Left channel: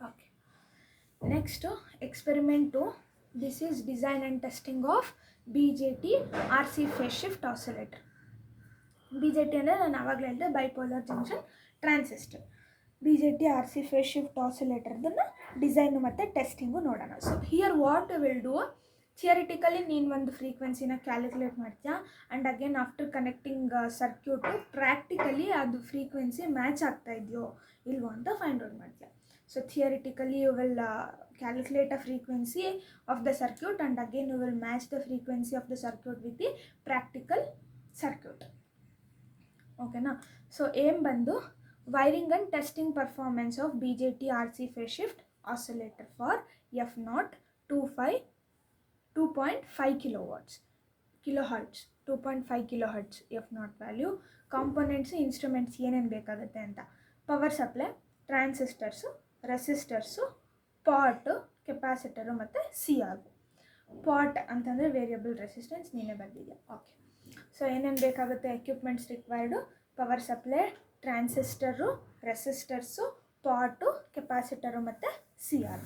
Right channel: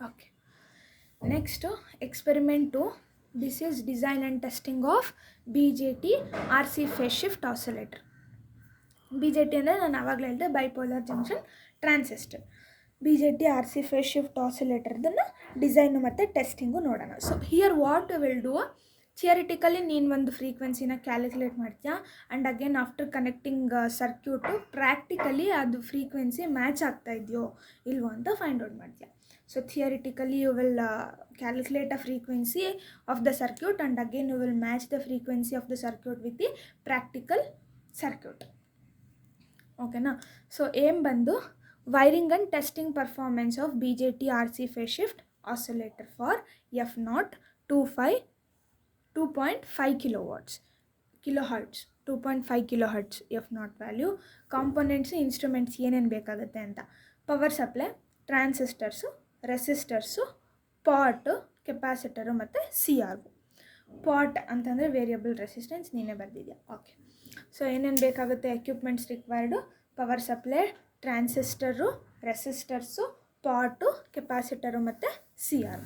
Okay. Next, experiment 2. This is design and testing of BJT RC phase shift oscillator. BJT ಅಂದರೆ ನಾನು ಆವಾಗಲೇ ಹೇಳಿದೆ bipolar junction transistor. BJT RC phase shift oscillator ಅದನ್ನು design ಮತ್ತು testing ನೋಡೋಣ. So here what will do, theoretically ನೀನು ಒಂದು ಫ್ರೀಕ್ವೆನ್ಸಿನ calculate ಮಾಡ್ತೀಯಾ and again after connecting circuit practically ಅದು ಫ್ರೀಕ್ವೆನ್ಸಿ ಮ್ಯಾಚ್ ಆಗ್ತಾ ಇದೆಯೋ ಇಲ್ವೋ ಅಂತ ಫೈಂಡ್ ಔಟ್ ಮಾಡ್ತೀಯಾ. So theoretically you will calculate a frequency of the circuit and again you will match the frequency of the circuit with the practical circuit. Okay na. So aim bandu wiring and testing performance of BJT RC phase shift oscillator for F0 2.5 kilohertz 2.5 kilohertz F0 value. Components instruments ಏನೇನು ಬೇಕಾಗುತ್ತೆ ಅಂತ, power supply, transistors, resistors, pot, capacitor ಮತ್ತು CR. Pot ಅಂತಂದರೆ variable resistance ನೀನೇ ಬರೆದಿದ್ಯಾ. Okay. So ಏನೇನು ಬೇಕಾಗುತ್ತೆ, equipments required, power supply, transistor, resistors, pot, capacitor ಮತ್ತು CR.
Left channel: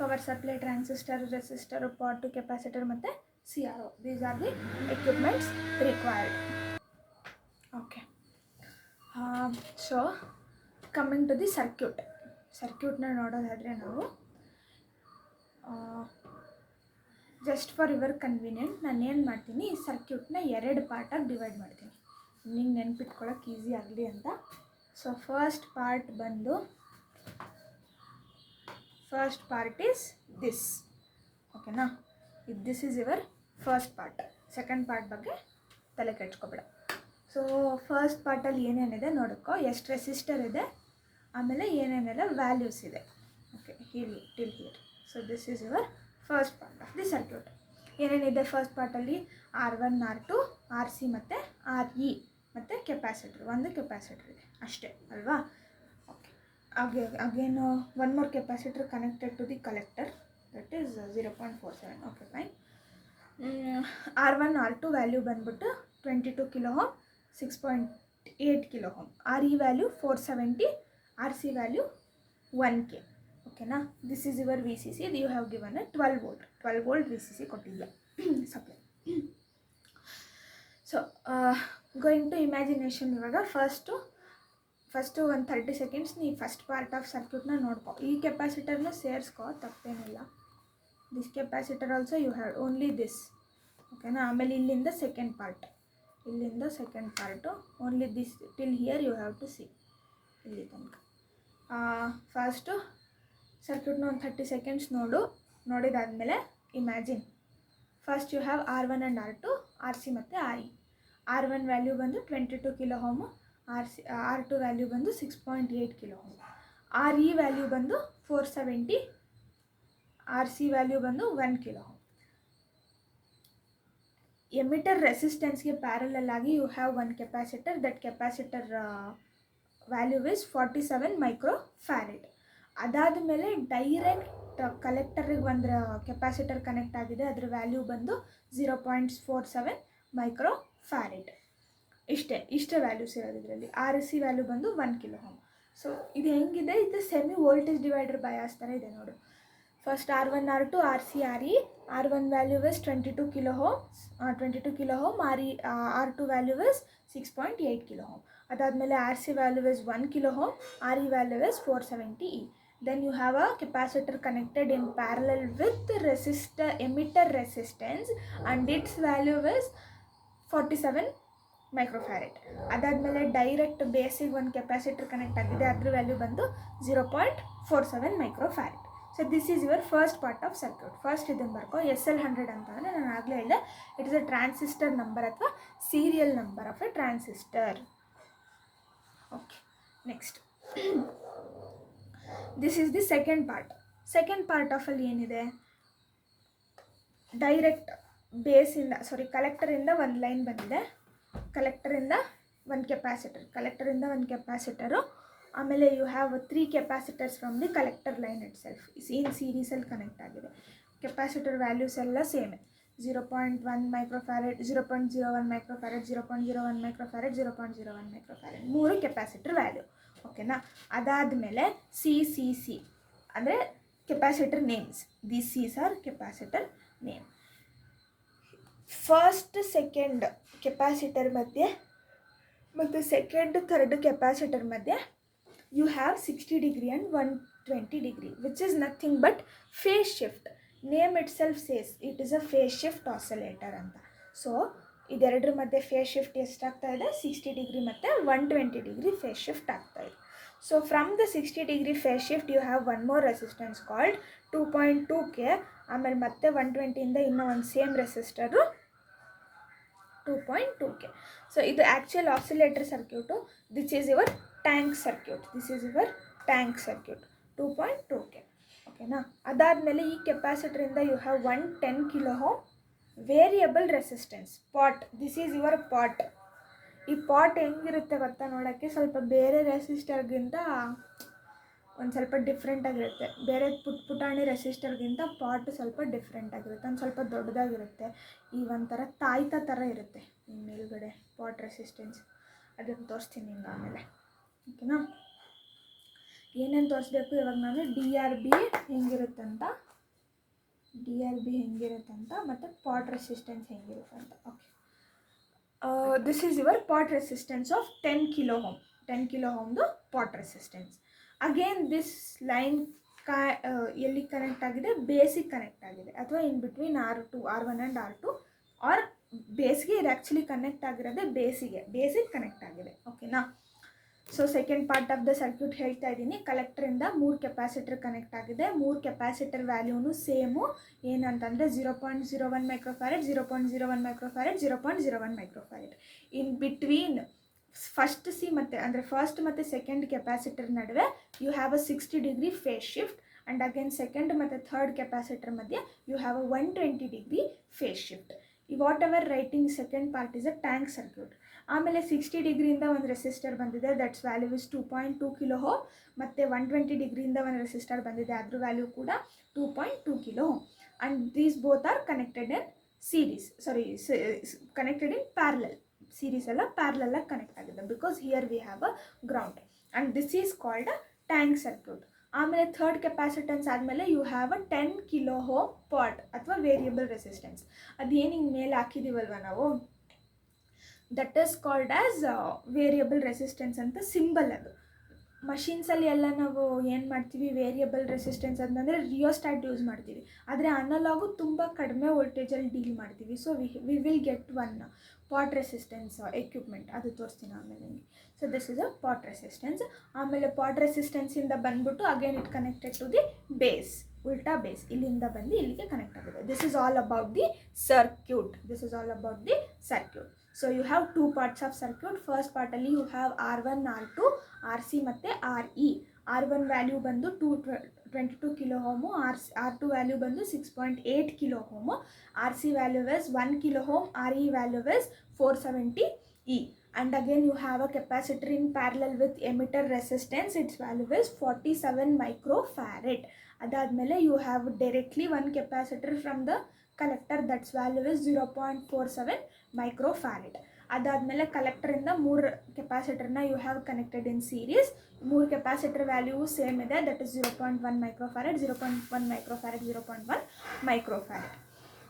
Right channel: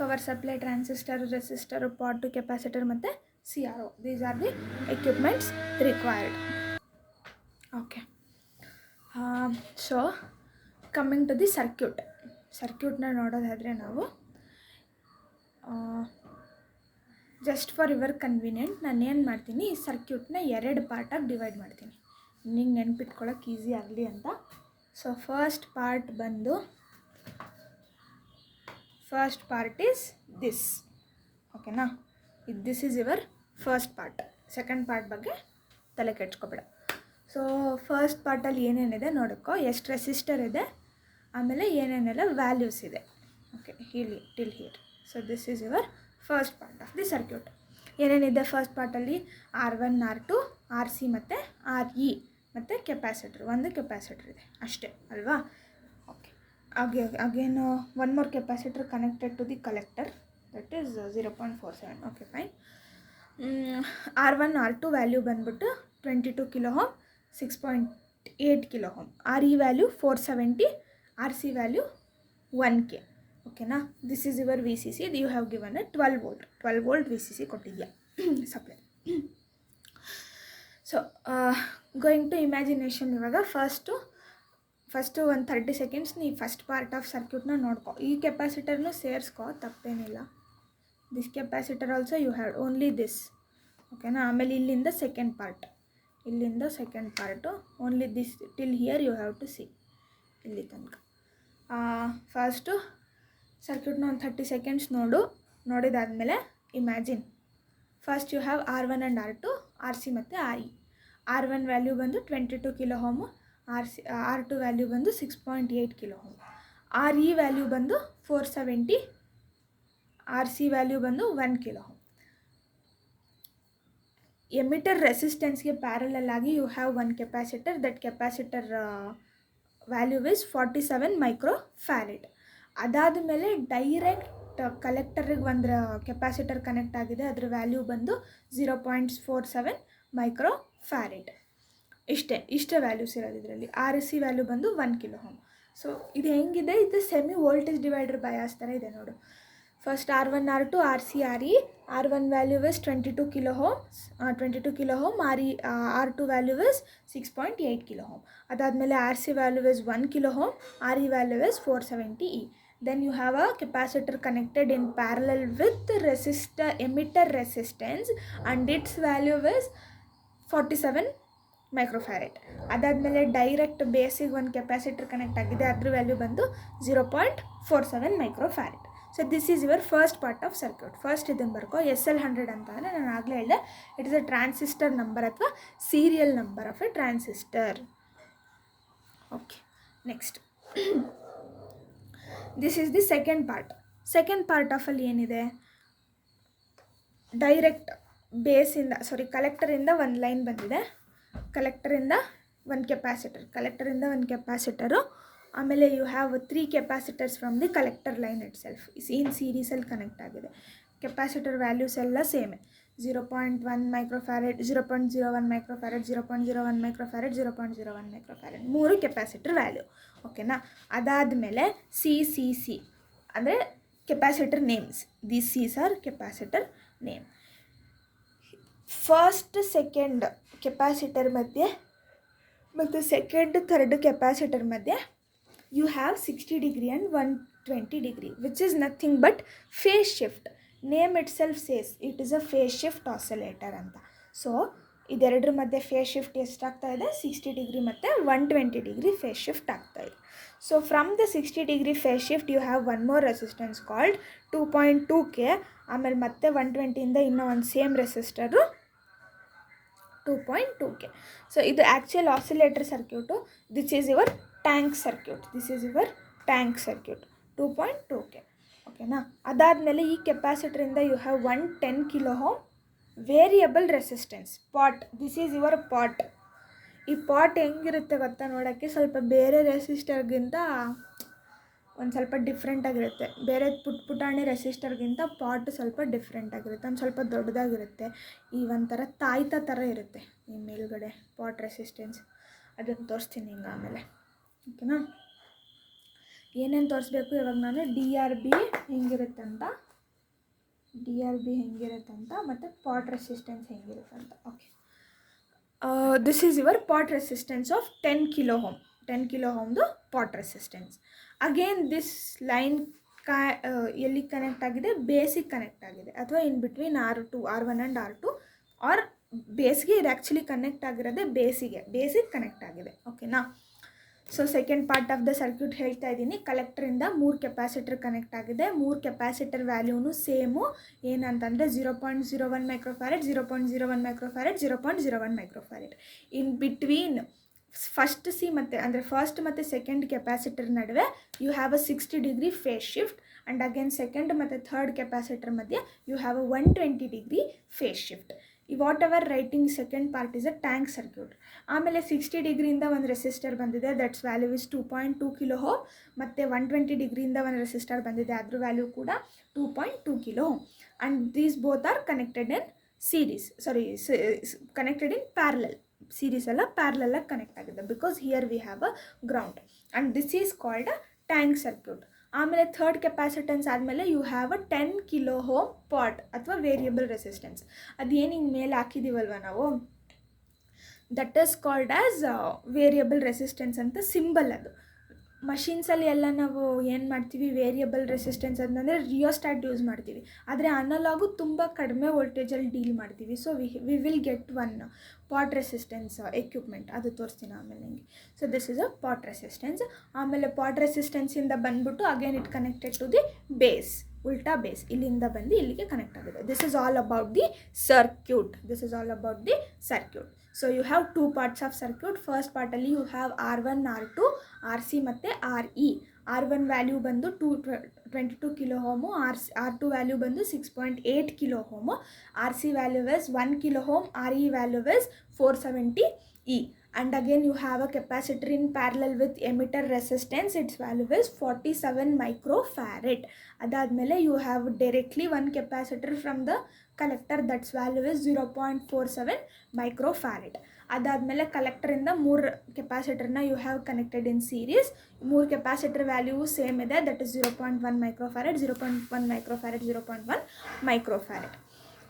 Power supply, transistor, resistor, pot, capacitor ಮತ್ತು CR. These are the equipments required. Okay. So coming to the ಸರ್ಕ್ಯೂಟ್ನ ನೋಡೋದಾದರೆ ನಾವು ಜಸ್ಟ್ ಫಾರ್ ಯುವರ್ ಕನ್ವೀನಿಯೆಂಟ್ ನಾನು ಏನು ಮಾಡ್ತೀನಿ, ಈ ಸರ್ಕ್ಯೂಟ್ನ 2 ಪಾರ್ಟಾಗಿ ಡಿವೈಡ್ ಮಾಡ್ತೀನಿ, ನಿಂಗೆ ನೆನ್ಪಿಟ್ಕೊಳ್ಳೋಕೆ ಈಸಿ ಆಗಲಿ ಅಂತ. So first part is this. ಓಕೆನಾ, this is your first part. Second part ಬಗ್ಗೆ ತಲೆ ಕೆಡ್ಸ್ಕೊಬೇಡ. ಸೊ ಫಸ್ಟ್ ಪಾರ್ಟಲ್ಲಿ ಏನೇನಿದೆ ನೋಡೋಕ್ಕೋ, ಎಷ್ಟು ರೆಸಿಸ್ಟರ್ ಇದೆ, ಆಮೇಲೆ ಏನೇನೆಲ್ಲ ವ್ಯಾಲ್ಯೂಸ್ ಇದೆ. ಓಕೆ, ಇಲ್ಲಿ till here. So this is your first part of the circuit. ಏನೇನಿದೆ ಫಸ್ಟ್ ಪಾರ್ಟಲ್ಲಿ, R1 R2 RC ಮತ್ತು RE ಮತ್ತು ಕೆಪಾಸಿಟರ್, ಒಂದು ಕೆಪಾಸಿಟರ್ ಇದೆ ಅಷ್ಟೇ ಅಲ್ವಾ. Okay. Again one more capacitor connected to the collector, that is 0.47. Okay fine. R1 R2 value ಬಂದ್ಬಿಟ್ಟು 22 kilo ohm, 6.8 kilo ohm. RE value 470, RC value 1K. ಓಕೆನಾ. This is your VCC. You have given a 12 volt VCC ಕೊಟ್ಟಿದ್ಯಾ supply. So going to imagination. ಇವಾಗ first ಒಂದು 30 seconds ನೀ first part of ಸರ್ಕ್ಯೂಟ್ನ ನೋಡ್ಕೊ. ಈ ಕೆಪಾಸಿಟರ್ನು ಸೇರಿಸ್ಕೊ, ತಪ್ಪೇನಿಲ್ಲ. This capacitor also you have only this. ಓಕೆನಾ. ಆಮೇಲೆ ಇಲ್ಲಿಂದ second part, only this till here you have to see, ಇಲ್ಲಿ ತನಕ. ಫಸ್ಟು ಸರ್ಕ್ಯೂಟ್ನ ಒಂದು 30 ಸೆಕೆಂಡ್ಸ್ ನೋಡಿದಾದಮೇಲೆ imagine. First you have R1 and R2, RC ಮತ್ತು RE. R1 ವ್ಯಾಲ್ಯೂ ಬಂದು 22 ಕಿಲೋ ಓಮು, R2 ವ್ಯಾಲ್ಯೂ ಬಂದು 6.8 ಕಿಲೋ ಓಮ್, RE ವ್ಯಾಲ್ಯೂ ಬಂದು 470, RC ವ್ಯಾಲ್ಯೂ ಬಂದು 1 ಕಿಲೋ ಓಮ್. ಎಮಿಟರ್ ರೆಸಿಸ್ಟೆನ್ಸ್ಗೆ ಪ್ಯಾರಲಲ್ ಆಗಿ you have one capacitor. That capacitor value is 47 microfarad. ಅದಾದ ಮೇಲೆ direct ಕಲೆಕ್ಟರಿಗೆ ಒಂದು ಕೆಪಾಸಿಟರ್ ಕನೆಕ್ಟ್ ಆಗಿದೆ, ಅದರ ವ್ಯಾಲ್ಯೂ ಬಂದು 0.47 ಮೈಕ್ರೋ ಫ್ಯಾರೆಡ್. ಇಷ್ಟೇ ವ್ಯಾಲ್ಯೂಸ್ ಇರೋದು ಇದರಲ್ಲಿ. RC ವ್ಯಾಲ್ಯೂ ಬಂದು 1 ಕಿಲೋ ಓಮ್. ಸೊ ಇದು ಹೆಂಗಿದೆ, ಇದು ಸೆಮಿ ವೋಲ್ಟೇಜ್ ಡಿವೈಡರ್ ಬಯಾಸ್ ಥರ ಇದೆ ನೋಡು. First R1 R2 RC RE. R1 value is 22 kilo ohm, R2 value is 6.8 kilo ohm. ಅದಾದಮೇಲೆ RC value is 1 kilo ohm, RE value is 470 E. Then you have a capacitor connected in parallel with emitter resistance and its value is 47 microfarad. ಅದಾದಮೇಲೆ direct ಬೇಸಿಗೆ ಒಂದು capacitor connect ಆಗಿದೆ, ಅದ್ರ value ಬಂದು 0.47 microfarad. So this is your first part of circuit. First ಇದನ್ನು ಬರ್ಕೋ. SL100 ಅಂತಂದರೆ ನಾನು ಆಗಲೇ ಹೇಳಿದೆ, it is a transistor number ಅಥವಾ serial number of a transistor. Okay, next this is the second part of ಅಲ್ಲಿ ಏನಿದೆ, ಡೈರೆಕ್ಟ್ ಕಲೆಕ್ಟರಿಂದ ಒಂದು ಲೈನ್ ಬಂದಿದೆ, ಕಲೆಕ್ಟರಿಂದ ಒಂದು ಕೆಪಾಸಿಟರು, ಆಮೇಲೆ you have 3 capacitors from the collector line itself in ಸೀರೀಸಲ್ಲಿ connect ಆಗಿದೆ. Capacitor values ಎಲ್ಲ ಸೇಮೆ. 0.1 microfarad, 0.01 microfarad, 0.01 microfarad, 0.01 microfarad, 3 capacitor value. ಓಕೆನಾ. ಅದಾದಮೇಲೆ ಸಿ ಅಂದರೆ capacitor names. These Cs are capacitor name. First second capacitor ಮಧ್ಯೆ ಮತ್ತು ಸೆಕೆಂಡ್ ಥರ್ಡ್ ಕೆಪಾಸಿಟರ್ ಮಧ್ಯೆ you have 60 degree and 120 degree, which is nothing but phase shift. Name itself says it is a phase shift oscillator ಅಂತ. So ಇದೆರಡರ ಮಧ್ಯೆ phase shift ಎಷ್ಟಾಗ್ತಾ ಇದೆ, 60 degree ಮತ್ತು 120 degree phase shift ಆಗ್ತಾ ಇದೆ. So from the 60 degree phase shift you have one more resistance called 2.2K. ಆಮೇಲೆ ಮತ್ತೆ 120ಇಂದ ಇನ್ನೂ ಒಂದು ಸೇಮ್ ರೆಸಿಸ್ಟರು 2.2K. ಸೊ ಇದು actual oscillator circuit. This is your tank circuit. 2.2K. ಓಕೆನಾ. ಅದಾದಮೇಲೆ ಈ ಕೆಪಾಸಿಟರಿಂದ you have 110 kilo ohm variable resistance pot. This is your pot. ಈ ಪಾಟ್ ಹೆಂಗಿರುತ್ತೆ ಗೊತ್ತಾ ನೋಡೋಕ್ಕೆ, ಸ್ವಲ್ಪ ಬೇರೆ ರೆಸಿಸ್ಟರ್ಗಿಂತ ಒಂದು ಸ್ವಲ್ಪ ಡಿಫ್ರೆಂಟಾಗಿರುತ್ತೆ. ಬೇರೆ ಪುಟಾಣಿ ರೆಸಿಸ್ಟರ್ಗಿಂತ ಪಾಟ್ ಸ್ವಲ್ಪ ಡಿಫ್ರೆಂಟಾಗಿರುತ್ತೆ, ಒಂದು ಸ್ವಲ್ಪ ದೊಡ್ಡದಾಗಿರುತ್ತೆ. ಈ ಒಂಥರ ತಾಯ್ತ ಥರ ಇರುತ್ತೆ ಈ ಮೇಲ್ಗಡೆ ಪಾಟ್ ರೆಸಿಸ್ಟೆನ್ಸ್. ಅದನ್ನು ತೋರಿಸ್ತೀನಿ ಹಿಂಗೆ ಆಮೇಲೆ. ಓಕೆನಾ. ಏನೇನು ತೋರಿಸ್ಬೇಕು ಇವಾಗ ನಾನು DRB ಹೆಂಗಿರುತ್ತೆ ಅಂತ ಮತ್ತು ಪಾಟ್ ರೆಸಿಸ್ಟೆನ್ಸ್ ಹೆಂಗಿರುತ್ತೆ ಅಂತ. Okay. This is your pot resistance of 10 kilo ohm. 10 kilo ಹೋಮ್ದು pot resistance. Again this line ಎಲ್ಲಿ ಕನೆಕ್ಟ್ ಆಗಿದೆ, ಬೇಸಿಗೆ ಕನೆಕ್ಟ್ ಆಗಿದೆ, ಅಥವಾ in between R1 and R2 R ಬೇಸ್ಗೆ. ಇದು ಆ್ಯಕ್ಚುಲಿ ಕನೆಕ್ಟ್ ಆಗಿರೋದೇ ಬೇಸಿಗೆ ಕನೆಕ್ಟ್ ಆಗಿದೆ. ಓಕೆನಾ. So second part of the circuit ಹೇಳ್ತಾ ಇದ್ದೀನಿ. ಕಲೆಕ್ಟ್ರಿಂದ 3 ಕೆಪಾಸಿಟರ್ ಕನೆಕ್ಟ್ ಆಗಿದೆ. 3 ಕೆಪಾಸಿಟರ್ ವ್ಯಾಲ್ಯೂನು ಸೇಮು. ಏನಂತಂದರೆ 0.01 microfarad, 0.01 microfarad, 0.01 microfarad. In between first ಮತ್ತು ಸೆಕೆಂಡ್ ಕೆಪಾಸಿಟರ್ ನಡುವೆ you have a 60 degree phase shift. And again second ಮತ್ತು ಥರ್ಡ್ ಕೆಪಾಸಿಟರ್ ಮಧ್ಯೆ you have a 120 degree phase shift. ಈ whatever writing second part is a tank circuit. ಆಮೇಲೆ 60 ಡಿಗ್ರಿಯಿಂದ ಒಂದು resistor ಬಂದಿದೆ, that's value is 2.2 kilo ohm. ಮತ್ತು 120 ಡಿಗ್ರಿಯಿಂದ ಒಂದು resistor ಬಂದಿದೆ, ಅದ್ರ ವ್ಯಾಲ್ಯೂ ಕೂಡ 2.2 kilo ohm. And these both are connected in connected in parallel. Series ಎಲ್ಲ ಪ್ಯಾರಲಲ್ಲಾಗಿ ಕನೆಕ್ಟ್ ಆಗಿದೆ, because here we have a ground. And this is called a tank circuit. ಆಮೇಲೆ third capacitance ಆದಮೇಲೆ you have a 10 kilo ohm pot ಅಥವಾ variable resistance. ಅದೇನು ಹಿಂಗೆ ಮೇಲೆ ಹಾಕಿದ್ದೀವಲ್ವ ನಾವು, that is called as variable resistance ಅಂತ ಸಿಂಬಲ್. ಅದು ಮಷೀನ್ಸಲ್ಲಿ ಎಲ್ಲ ನಾವು ಏನು ಮಾಡ್ತೀವಿ, ವೇರಿಯಬಲ್ ರೆಸಿಸ್ಟೆನ್ಸ್ ಅಂತಂದರೆ ರಿಯೋಸ್ಟಾಟ್ ಯೂಸ್ ಮಾಡ್ತೀವಿ. ಆದರೆ ಅನಲಾಗು ತುಂಬ ಕಡಿಮೆ ವೋಲ್ಟೇಜಲ್ಲಿ ಡೀಲ್ ಮಾಡ್ತೀವಿ. So we will get one pot resistance equipment, ಅದು ತೋರಿಸ್ತೀನಿ ಆಮೇಲೆ ನಿಮಗೆ. So this is a pot resistance. ಆಮೇಲೆ ಪಾಟ್ ರೆಸಿಸ್ಟೆನ್ಸಿಂದ ಬಂದ್ಬಿಟ್ಟು again it connected to the base, ಉಲ್ಟಾ ಬೇಸ್, ಇಲ್ಲಿಂದ ಬಂದು ಇಲ್ಲಿಗೆ ಕನೆಕ್ಟ್ ಆಗಿದೆ. This is all about the circuit. So you have 2 parts of circuit. First ಪಾರ್ಟಲ್ಲಿ you have R1, R2, RC ಮತ್ತು RE. R1 ವ್ಯಾಲ್ಯೂ ಬಂದು 22 ಕಿಲೋ ಹೋಮು, R2 ವ್ಯಾಲ್ಯೂ ಬಂದು 6.8 kilo home, RC value is 1 kilo home, RE value is 470E. And again you have a capacitor in parallel with emitter resistance. Its value is 47 microfarad. Adadmele you have directly one capacitor from the collector, that's value is 0.47 microfarad. Adadmele collector in the 3 capacitor na you have connected in series. 3 capacitor value same ide, that is 0.1 microfarad, 0.1 microfarad, 0.1 microfarad.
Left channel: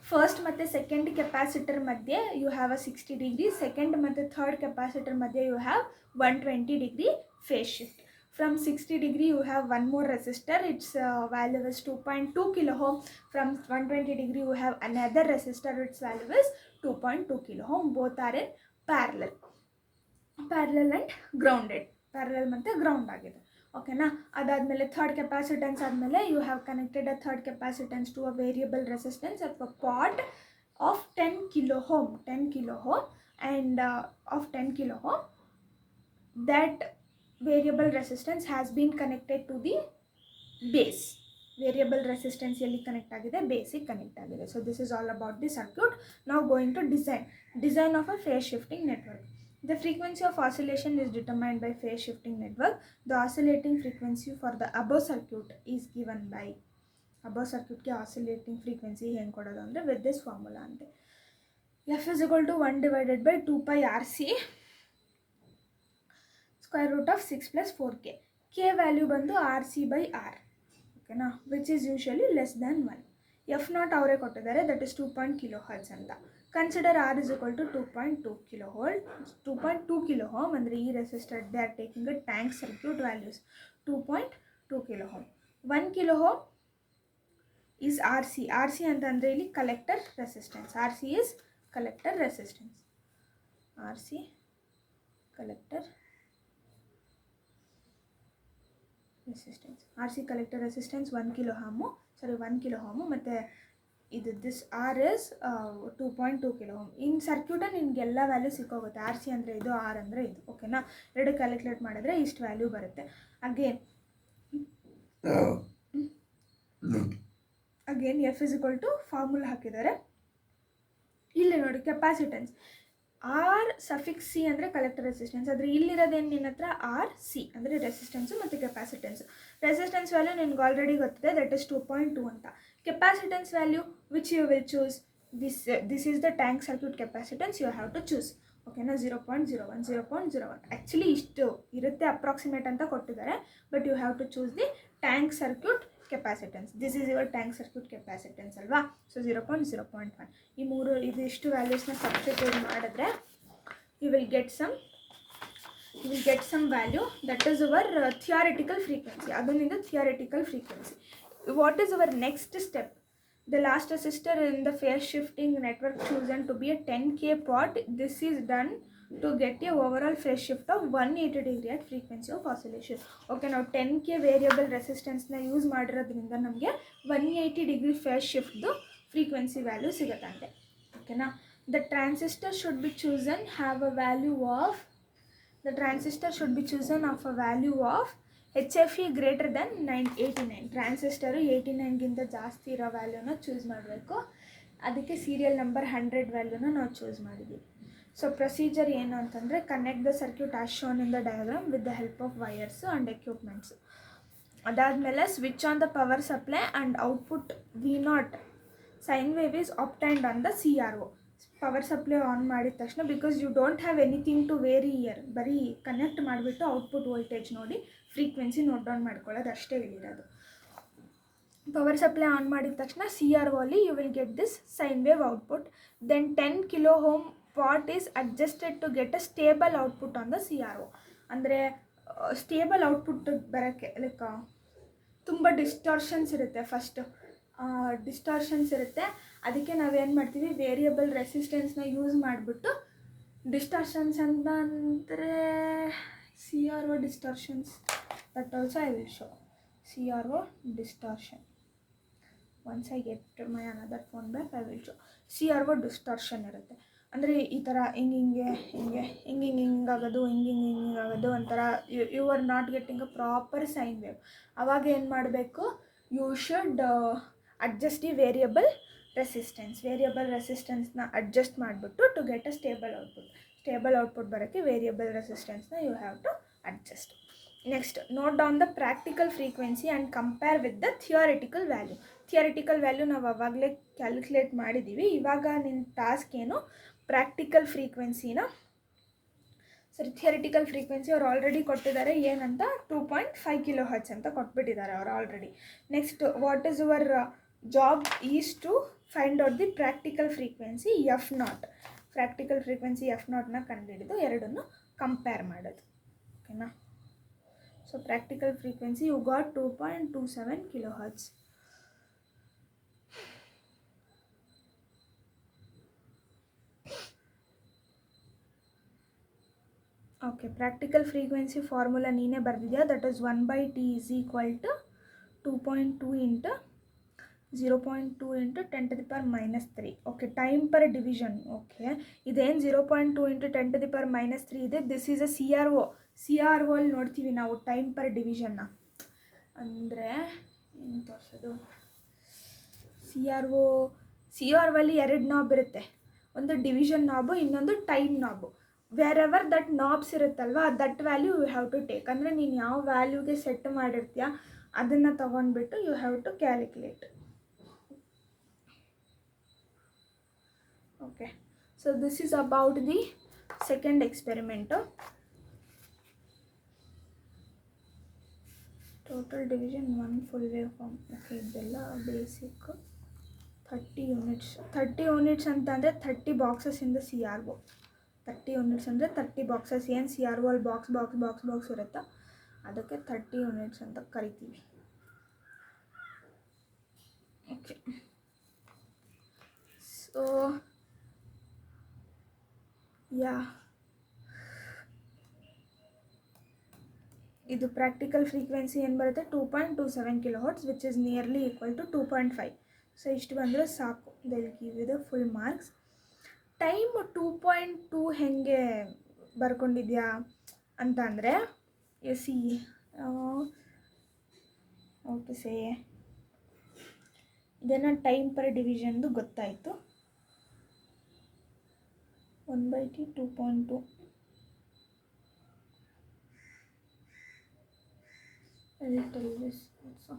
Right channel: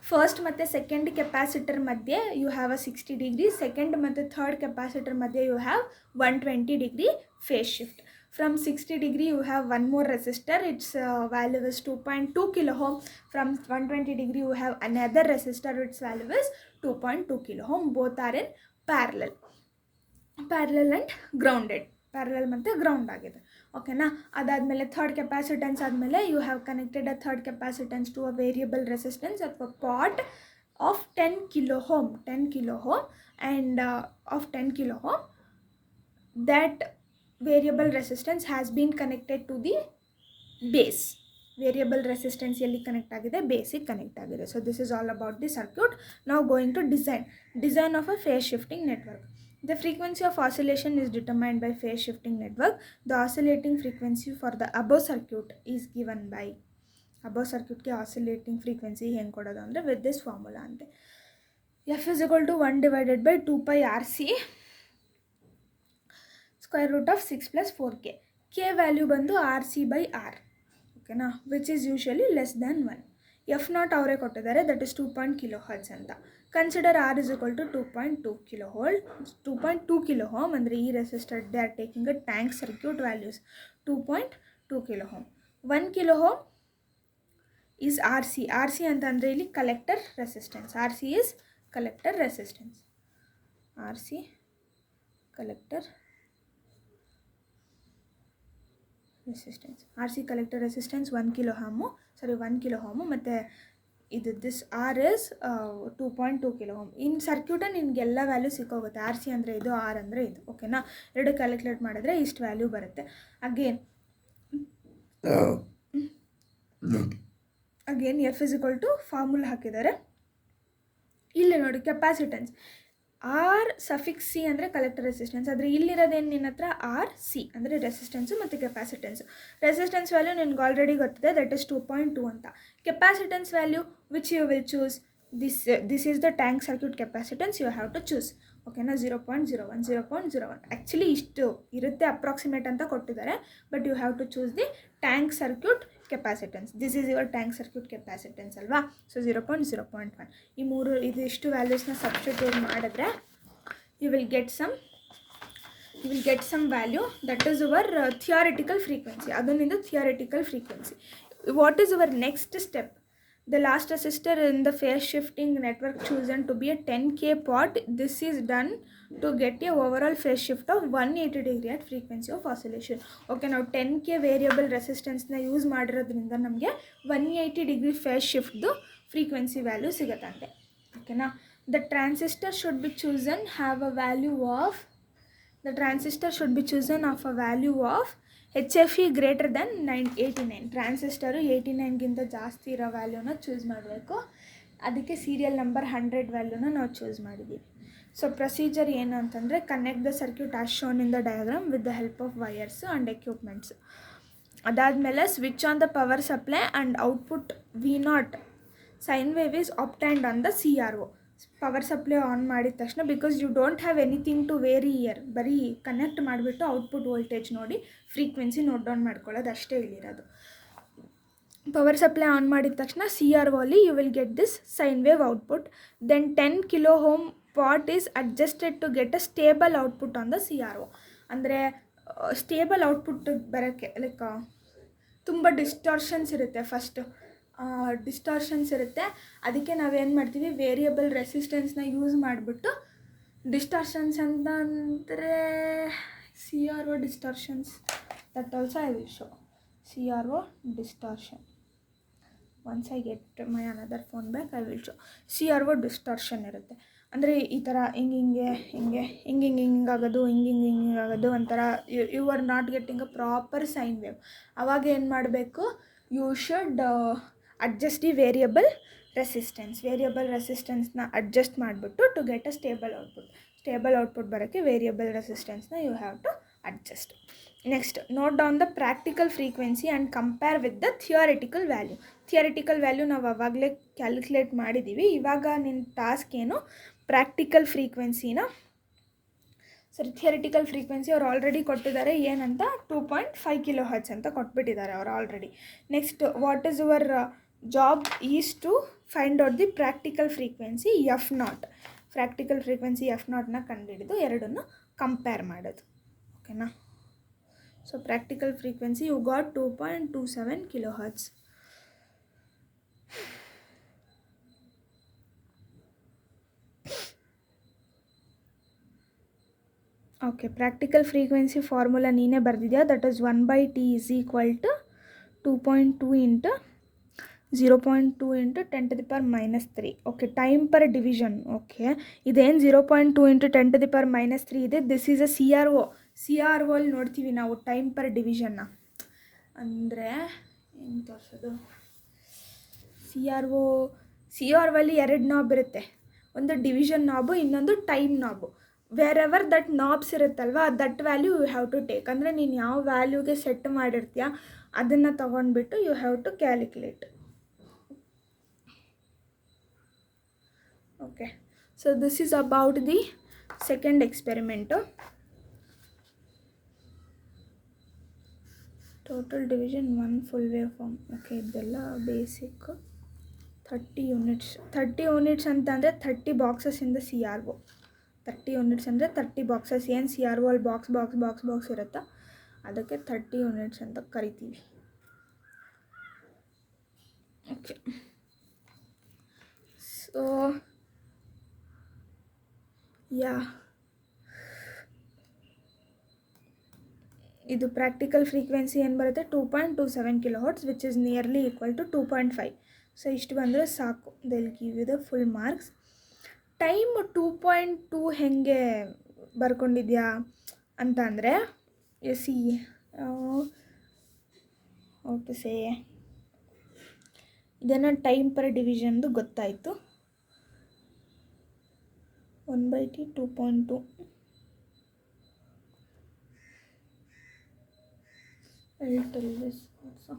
First ಮತ್ತು second capacitor ಮಧ್ಯೆ you have a 60 degree, second ಮತ್ತು third capacitor ಮಧ್ಯೆ you have 120 degree phase shift. From 60 degree you have one more resistor, its value is 2.2 kilo ohm. From 120 degree you have another resistor, its value is 2.2 kilo ohm. Both are in parallel and grounded. Parallel ಮತ್ತು ground ಆಗಿದೆ. Okay. ಅದಾದಮೇಲೆ third capacitance ಆದಮೇಲೆ you have connected a third capacitance to a variable resistance ಅಥವಾ pot of 10 kilo ohm and of 10 kilo ohm that variable resistance has been connected to the base. Variable resistance ಎಲ್ಲಿ connect ಆಗಿದೆ, ಬೇಸಿಗೆ connect ಆಗಿದೆ. So this is all about the circuit. ನಾವು going to design of a phase shifting network. The frequency of oscillation is determined by phase shifting network. The oscillating frequency for the above circuit is given by above ಸರ್ಕ್ಯೂಟ್ಗೆ oscillating frequency ಹೆಂಗೆ ಕೊಡೋದು ಅಂದರೆ with this formula ಅಂತೆ. F is equal to 1 / 2π RC √6 + 4k. K value ಬಂದು RC/R, ಓಕೆನಾ, which is usually less than 1. F naught ಅವರೇ ಕೊಟ್ಟಿದ್ದಾರೆ, that is 2.0 kHz ಅಂತ. Consider R is equal to 2.2 kilo ohm ಅಂದರೆ ಈ resistor they are taking a tank circuit values 2.2 kilo ohm. 1 kilo ohm is RC. RC ಅಂತಂದರೆ ಇಲ್ಲಿ collector resistance. RC is collector resistance. RC collector resistance. RC collector resistance 1 kilo ohm ಮತ್ತು ಇದು this R is 2.2 kilo ohm. In circuit ನಿಮಗೆಲ್ಲ value ಸಿಕ್ಕೋಗುತ್ತೆ. RC ಅಂದರೆ ಇದು, R ಅಂದರೆ ಇದು, ಓಕೆನಾ. ಎರಡು ಕ್ಯಾಲ್ಕುಲೇಟ್ ಮಾಡಿದ್ರೆ ಇಷ್ಟು ವ್ಯಾಲ್ಯೂ ಬರುತ್ತೆ. Again F is equal to formula ಹಾಕಿದ್ದಾರೆ. ಇಲ್ಲಿ ನೋಡಿ ಕೆಪಾಸಿಟೆನ್ಸ್ R⁻C ಅಂದರೆ ಕಲೆಕ್ಟರ್ ರೆಸಿಸ್ಟೆನ್ಸ್. ಆದರೆ ಇಲ್ಲಿರೋದೇನು ನಿನ್ನ ಹತ್ರ RC ಅಂದರೆ ರೆಸಿಸ್ಟೆನ್ಸು ಮತ್ತು ಕೆಪಾಸಿಟೆನ್ಸು. ರೆಸಿಸ್ಟೆನ್ಸ್ ವ್ಯಾಲ್ಯೂ ನಿನ್ಗೆ ಆಲ್ರೆಡಿ ಗೊತ್ತಿದೆ, ದಟ್ ಇಸ್ 2.2 ಅಂತ. Capacitance value which you will choose, this is the tank circuit capacitance you have to choose, ಓಕೆನಾ. 0.01 0.01 ಆ್ಯಕ್ಚುಲಿ ಇಷ್ಟು ಇರುತ್ತೆ ಅಪ್ರಾಕ್ಸಿಮೇಟ್ ಅಂತ ಕೊಟ್ಟಿದ್ದಾರೆ, but you have to choose the tank circuit capacitance. This is your tank circuit capacitance ಅಲ್ವಾ. So 0.1 ಈ ಮೂರು ಇದಿಷ್ಟು ವ್ಯಾಲ್ಯೂಸ್ನ ಸಬ್ಸ್ಟಿಟ್ಯೂಟ್ ಮಾಡಿದ್ರೆ you will get some value, that is your theoretical frequency. ಅದೊಂದು theoretical frequency. What is your next step? The last resistor in the phase shifting network chosen to be a 10k pot. This is done to get a overall phase shift of 180 degree at frequency of oscillation. Okay, now 10k variable resistance na use ಮಾಡಿರೋದ್ರಿಂದ ನಮಗೆ 180 degree phase shift ದು frequency value ಸಿಗುತ್ತಂತೆ, ಓಕೆನಾ. The transistor should be chosen of a value of HFE greater than 89. Transistor 89ಗಿಂತ ಜಾಸ್ತಿ ಇರೋ ವ್ಯಾಲ್ಯೂನ choose ಮಾಡಬೇಕು. ಅದಕ್ಕೆ serial number 100 ವ್ಯಾಲ್ಯೂನ ನಾವು choose ಮಾಡಿದ್ದೀವಿ. ಸೊ ಪ್ರೊಸೀಜರ್ ಏನು ಅಂತಂದರೆ, connect the circuit as shown in the diagram with the help of wires and equipments. ಅದಾದಮೇಲೆ switch on the power supply and output V0 sine wave is obtained on the CRO. Power supply on ಮಾಡಿದ ತಕ್ಷಣ, because you don't have anything to vary here, ಬರೀ connect ಮಾಡಿಬಿಟ್ಟು output voltage ನೋಡಿ frequency note down ಮಾಡ್ಕೊಳ್ಳೋದು ಅಷ್ಟೇ ಇಲ್ಲಿರೋದು. Power supply on ಮಾಡಿದ ತಕ್ಷಣ CRO ಅಲ್ಲಿ you will get this sine wave output. Then 10 kilo ohm pot is adjusted to get a stable output on the CRO. ಅಂದರೆ stable output ಬರೋಕ್ಕೆ like ತುಂಬ distortions ಇರುತ್ತೆ. ಅದಕ್ಕೆ ನಾವೇನು ಮಾಡ್ತೀವಿ, ವೇರಿಯಬಲ್ ರೆಸಿಸ್ಟೆನ್ಸ್ನ ಯೂಸ್ ಮಾಡಿಬಿಟ್ಟು ಡಿಸ್ಟಾರ್ಷನ್ಸ್ ಅಂತ ಅಂದರೆ CRO distortions, that also I will show. CRO distortion, once I get my another phone back I will show. CRO distortion ಇರುತ್ತೆ. ಅಂದರೆ ಈ ಥರ ಹಿಂಗಾಗೋದು, ಹಿಂಗಾಗೋದು ಒಂಥರ you are not getting a proper sine wave. ಅವಾಗ ಏನು ಮಾಡಬೇಕು, you should adjust the variable ರೆಸಿಸ್ಟೆನ್ಸ್ನ ಅಡ್ಜಸ್ಟ್ ಮಾಡಿಬಿಟ್ಟು to get a stable output ಬರೋಕ್ಕೆ ವೇರಿಯಬಲ್ ರೆಸಿಸ್ಟೆನ್ಸ್ನ you have to adjust. Next, note down the practical frequency and compare with the ಥಿಯಾರಿಟಿಕಲ್ value ನಾವು ಆವಾಗಲೇ calculate ಮಾಡಿದ್ದೀವಿ. ಇವಾಗ ನಿನ್ನ ಟಾಸ್ಕ್ ಏನು, ಥಿಯಾರಿಟಿಕಲ್ ಫ್ರೀಕ್ವೆನ್ಸಿ ಅವ್ರು ಆಲ್ರೆಡಿ ಕೊಟ್ಟಿದ್ದಾರೆ. ಏನಂತ 2.5 kHz ಅಂತ ಕೊಟ್ಬಿಟ್ಟಿದ್ದಾರೆ ಅವರು already. Next, what is your job is to find out the practical frequency F0ನ ಕಂಡುಹಿಡಿದು ಎರಡನ್ನು ಕಂಪೇರ್ ಮಾಡೋದು, ಓಕೆನಾ. So practical frequency you got 2.27 kHz. Okay, practical frequency formula ನೀನೇ ಬರೆದಿದ್ಯಾ. That is 1/T is equal to 2.2 into 0.2 into 10⁻³ okay. Time per division, okay. ಇದೇನು 0.2 into 10⁻³ ಇದೆ, this is a CRO ಅಲ್ಲಿ ನೋಡ್ತೀವಿ ನಾವು ಟೈಮ್ ಪರ್ ಡಿವಿಷನ್ನ. ಅಂದರೆ ಏನು ತೋರಿಸೋದು, CRO ಅಲ್ಲಿ 2 ನಾಬ್ ಇರುತ್ತೆ, ಒಂದು ಡಿವಿಷನ್ ನಾಬು, ಇನ್ನೊಂದು time knob. Wherever that knobs ಇರುತ್ತಲ್ವ, that value you have to take. ಅಂದರೆ ನೀನು ಯಾವ ವ್ಯಾಲ್ಯೂಗೆ ಸೆಟ್ ಮಾಡಿರ್ತೀಯ ಅದನ್ನು ತಗೊಂಡ್ಬಿಟ್ಟು you have to calculate. Okay, so this is about the second experiment. Total division 1 full wave form. Okay, ಇದೆಲ್ಲ basic. 30 units ಅಂತಂದರೆ 30 ಬಾಕ್ಸಸ್ಸಿಂದ CRO. 30 ಯೂನಿಟ್ಸ್ ಅಂದರೆ 30 ಬಾಕ್ಸಸ್. ಏನು CRO ಅಲ್ಲಿ ಬಾಕ್ಸ್ ಇರುತ್ತಾ, ಅದಕ್ಕೆ 30 ಯೂನಿಟ್ಸ್ ಅಂತ ಕರಿತೀವಿ. ಓಕೆ, ಸೊ ಯಾ, ಇದು ಪ್ರಾಕ್ಟಿಕಲ್ ಫ್ರೀಕ್ವೆನ್ಸಿ ಏನು ಬರುತ್ತೆ, 2.27 kHz, which is nearly equal to 2.5. So ಇಷ್ಟು ಬಂದರೆ ಸಾಕು. They'll give you the full marks. Time 2.2 ಹೆಂಗೆ ಬರ್ಕೊಂಡಿದ್ಯಾ ಅಂತ ಅಂದರೆ, ಸಿ ಓಕೆ ಸೇ ಇದನ್ನು ಟೈಮ್ ಪರ್ ಡಿವಿಷನ್ದು ಗೊತ್ತಾಯಿತು. 1/T 2.2. I'll tell this also.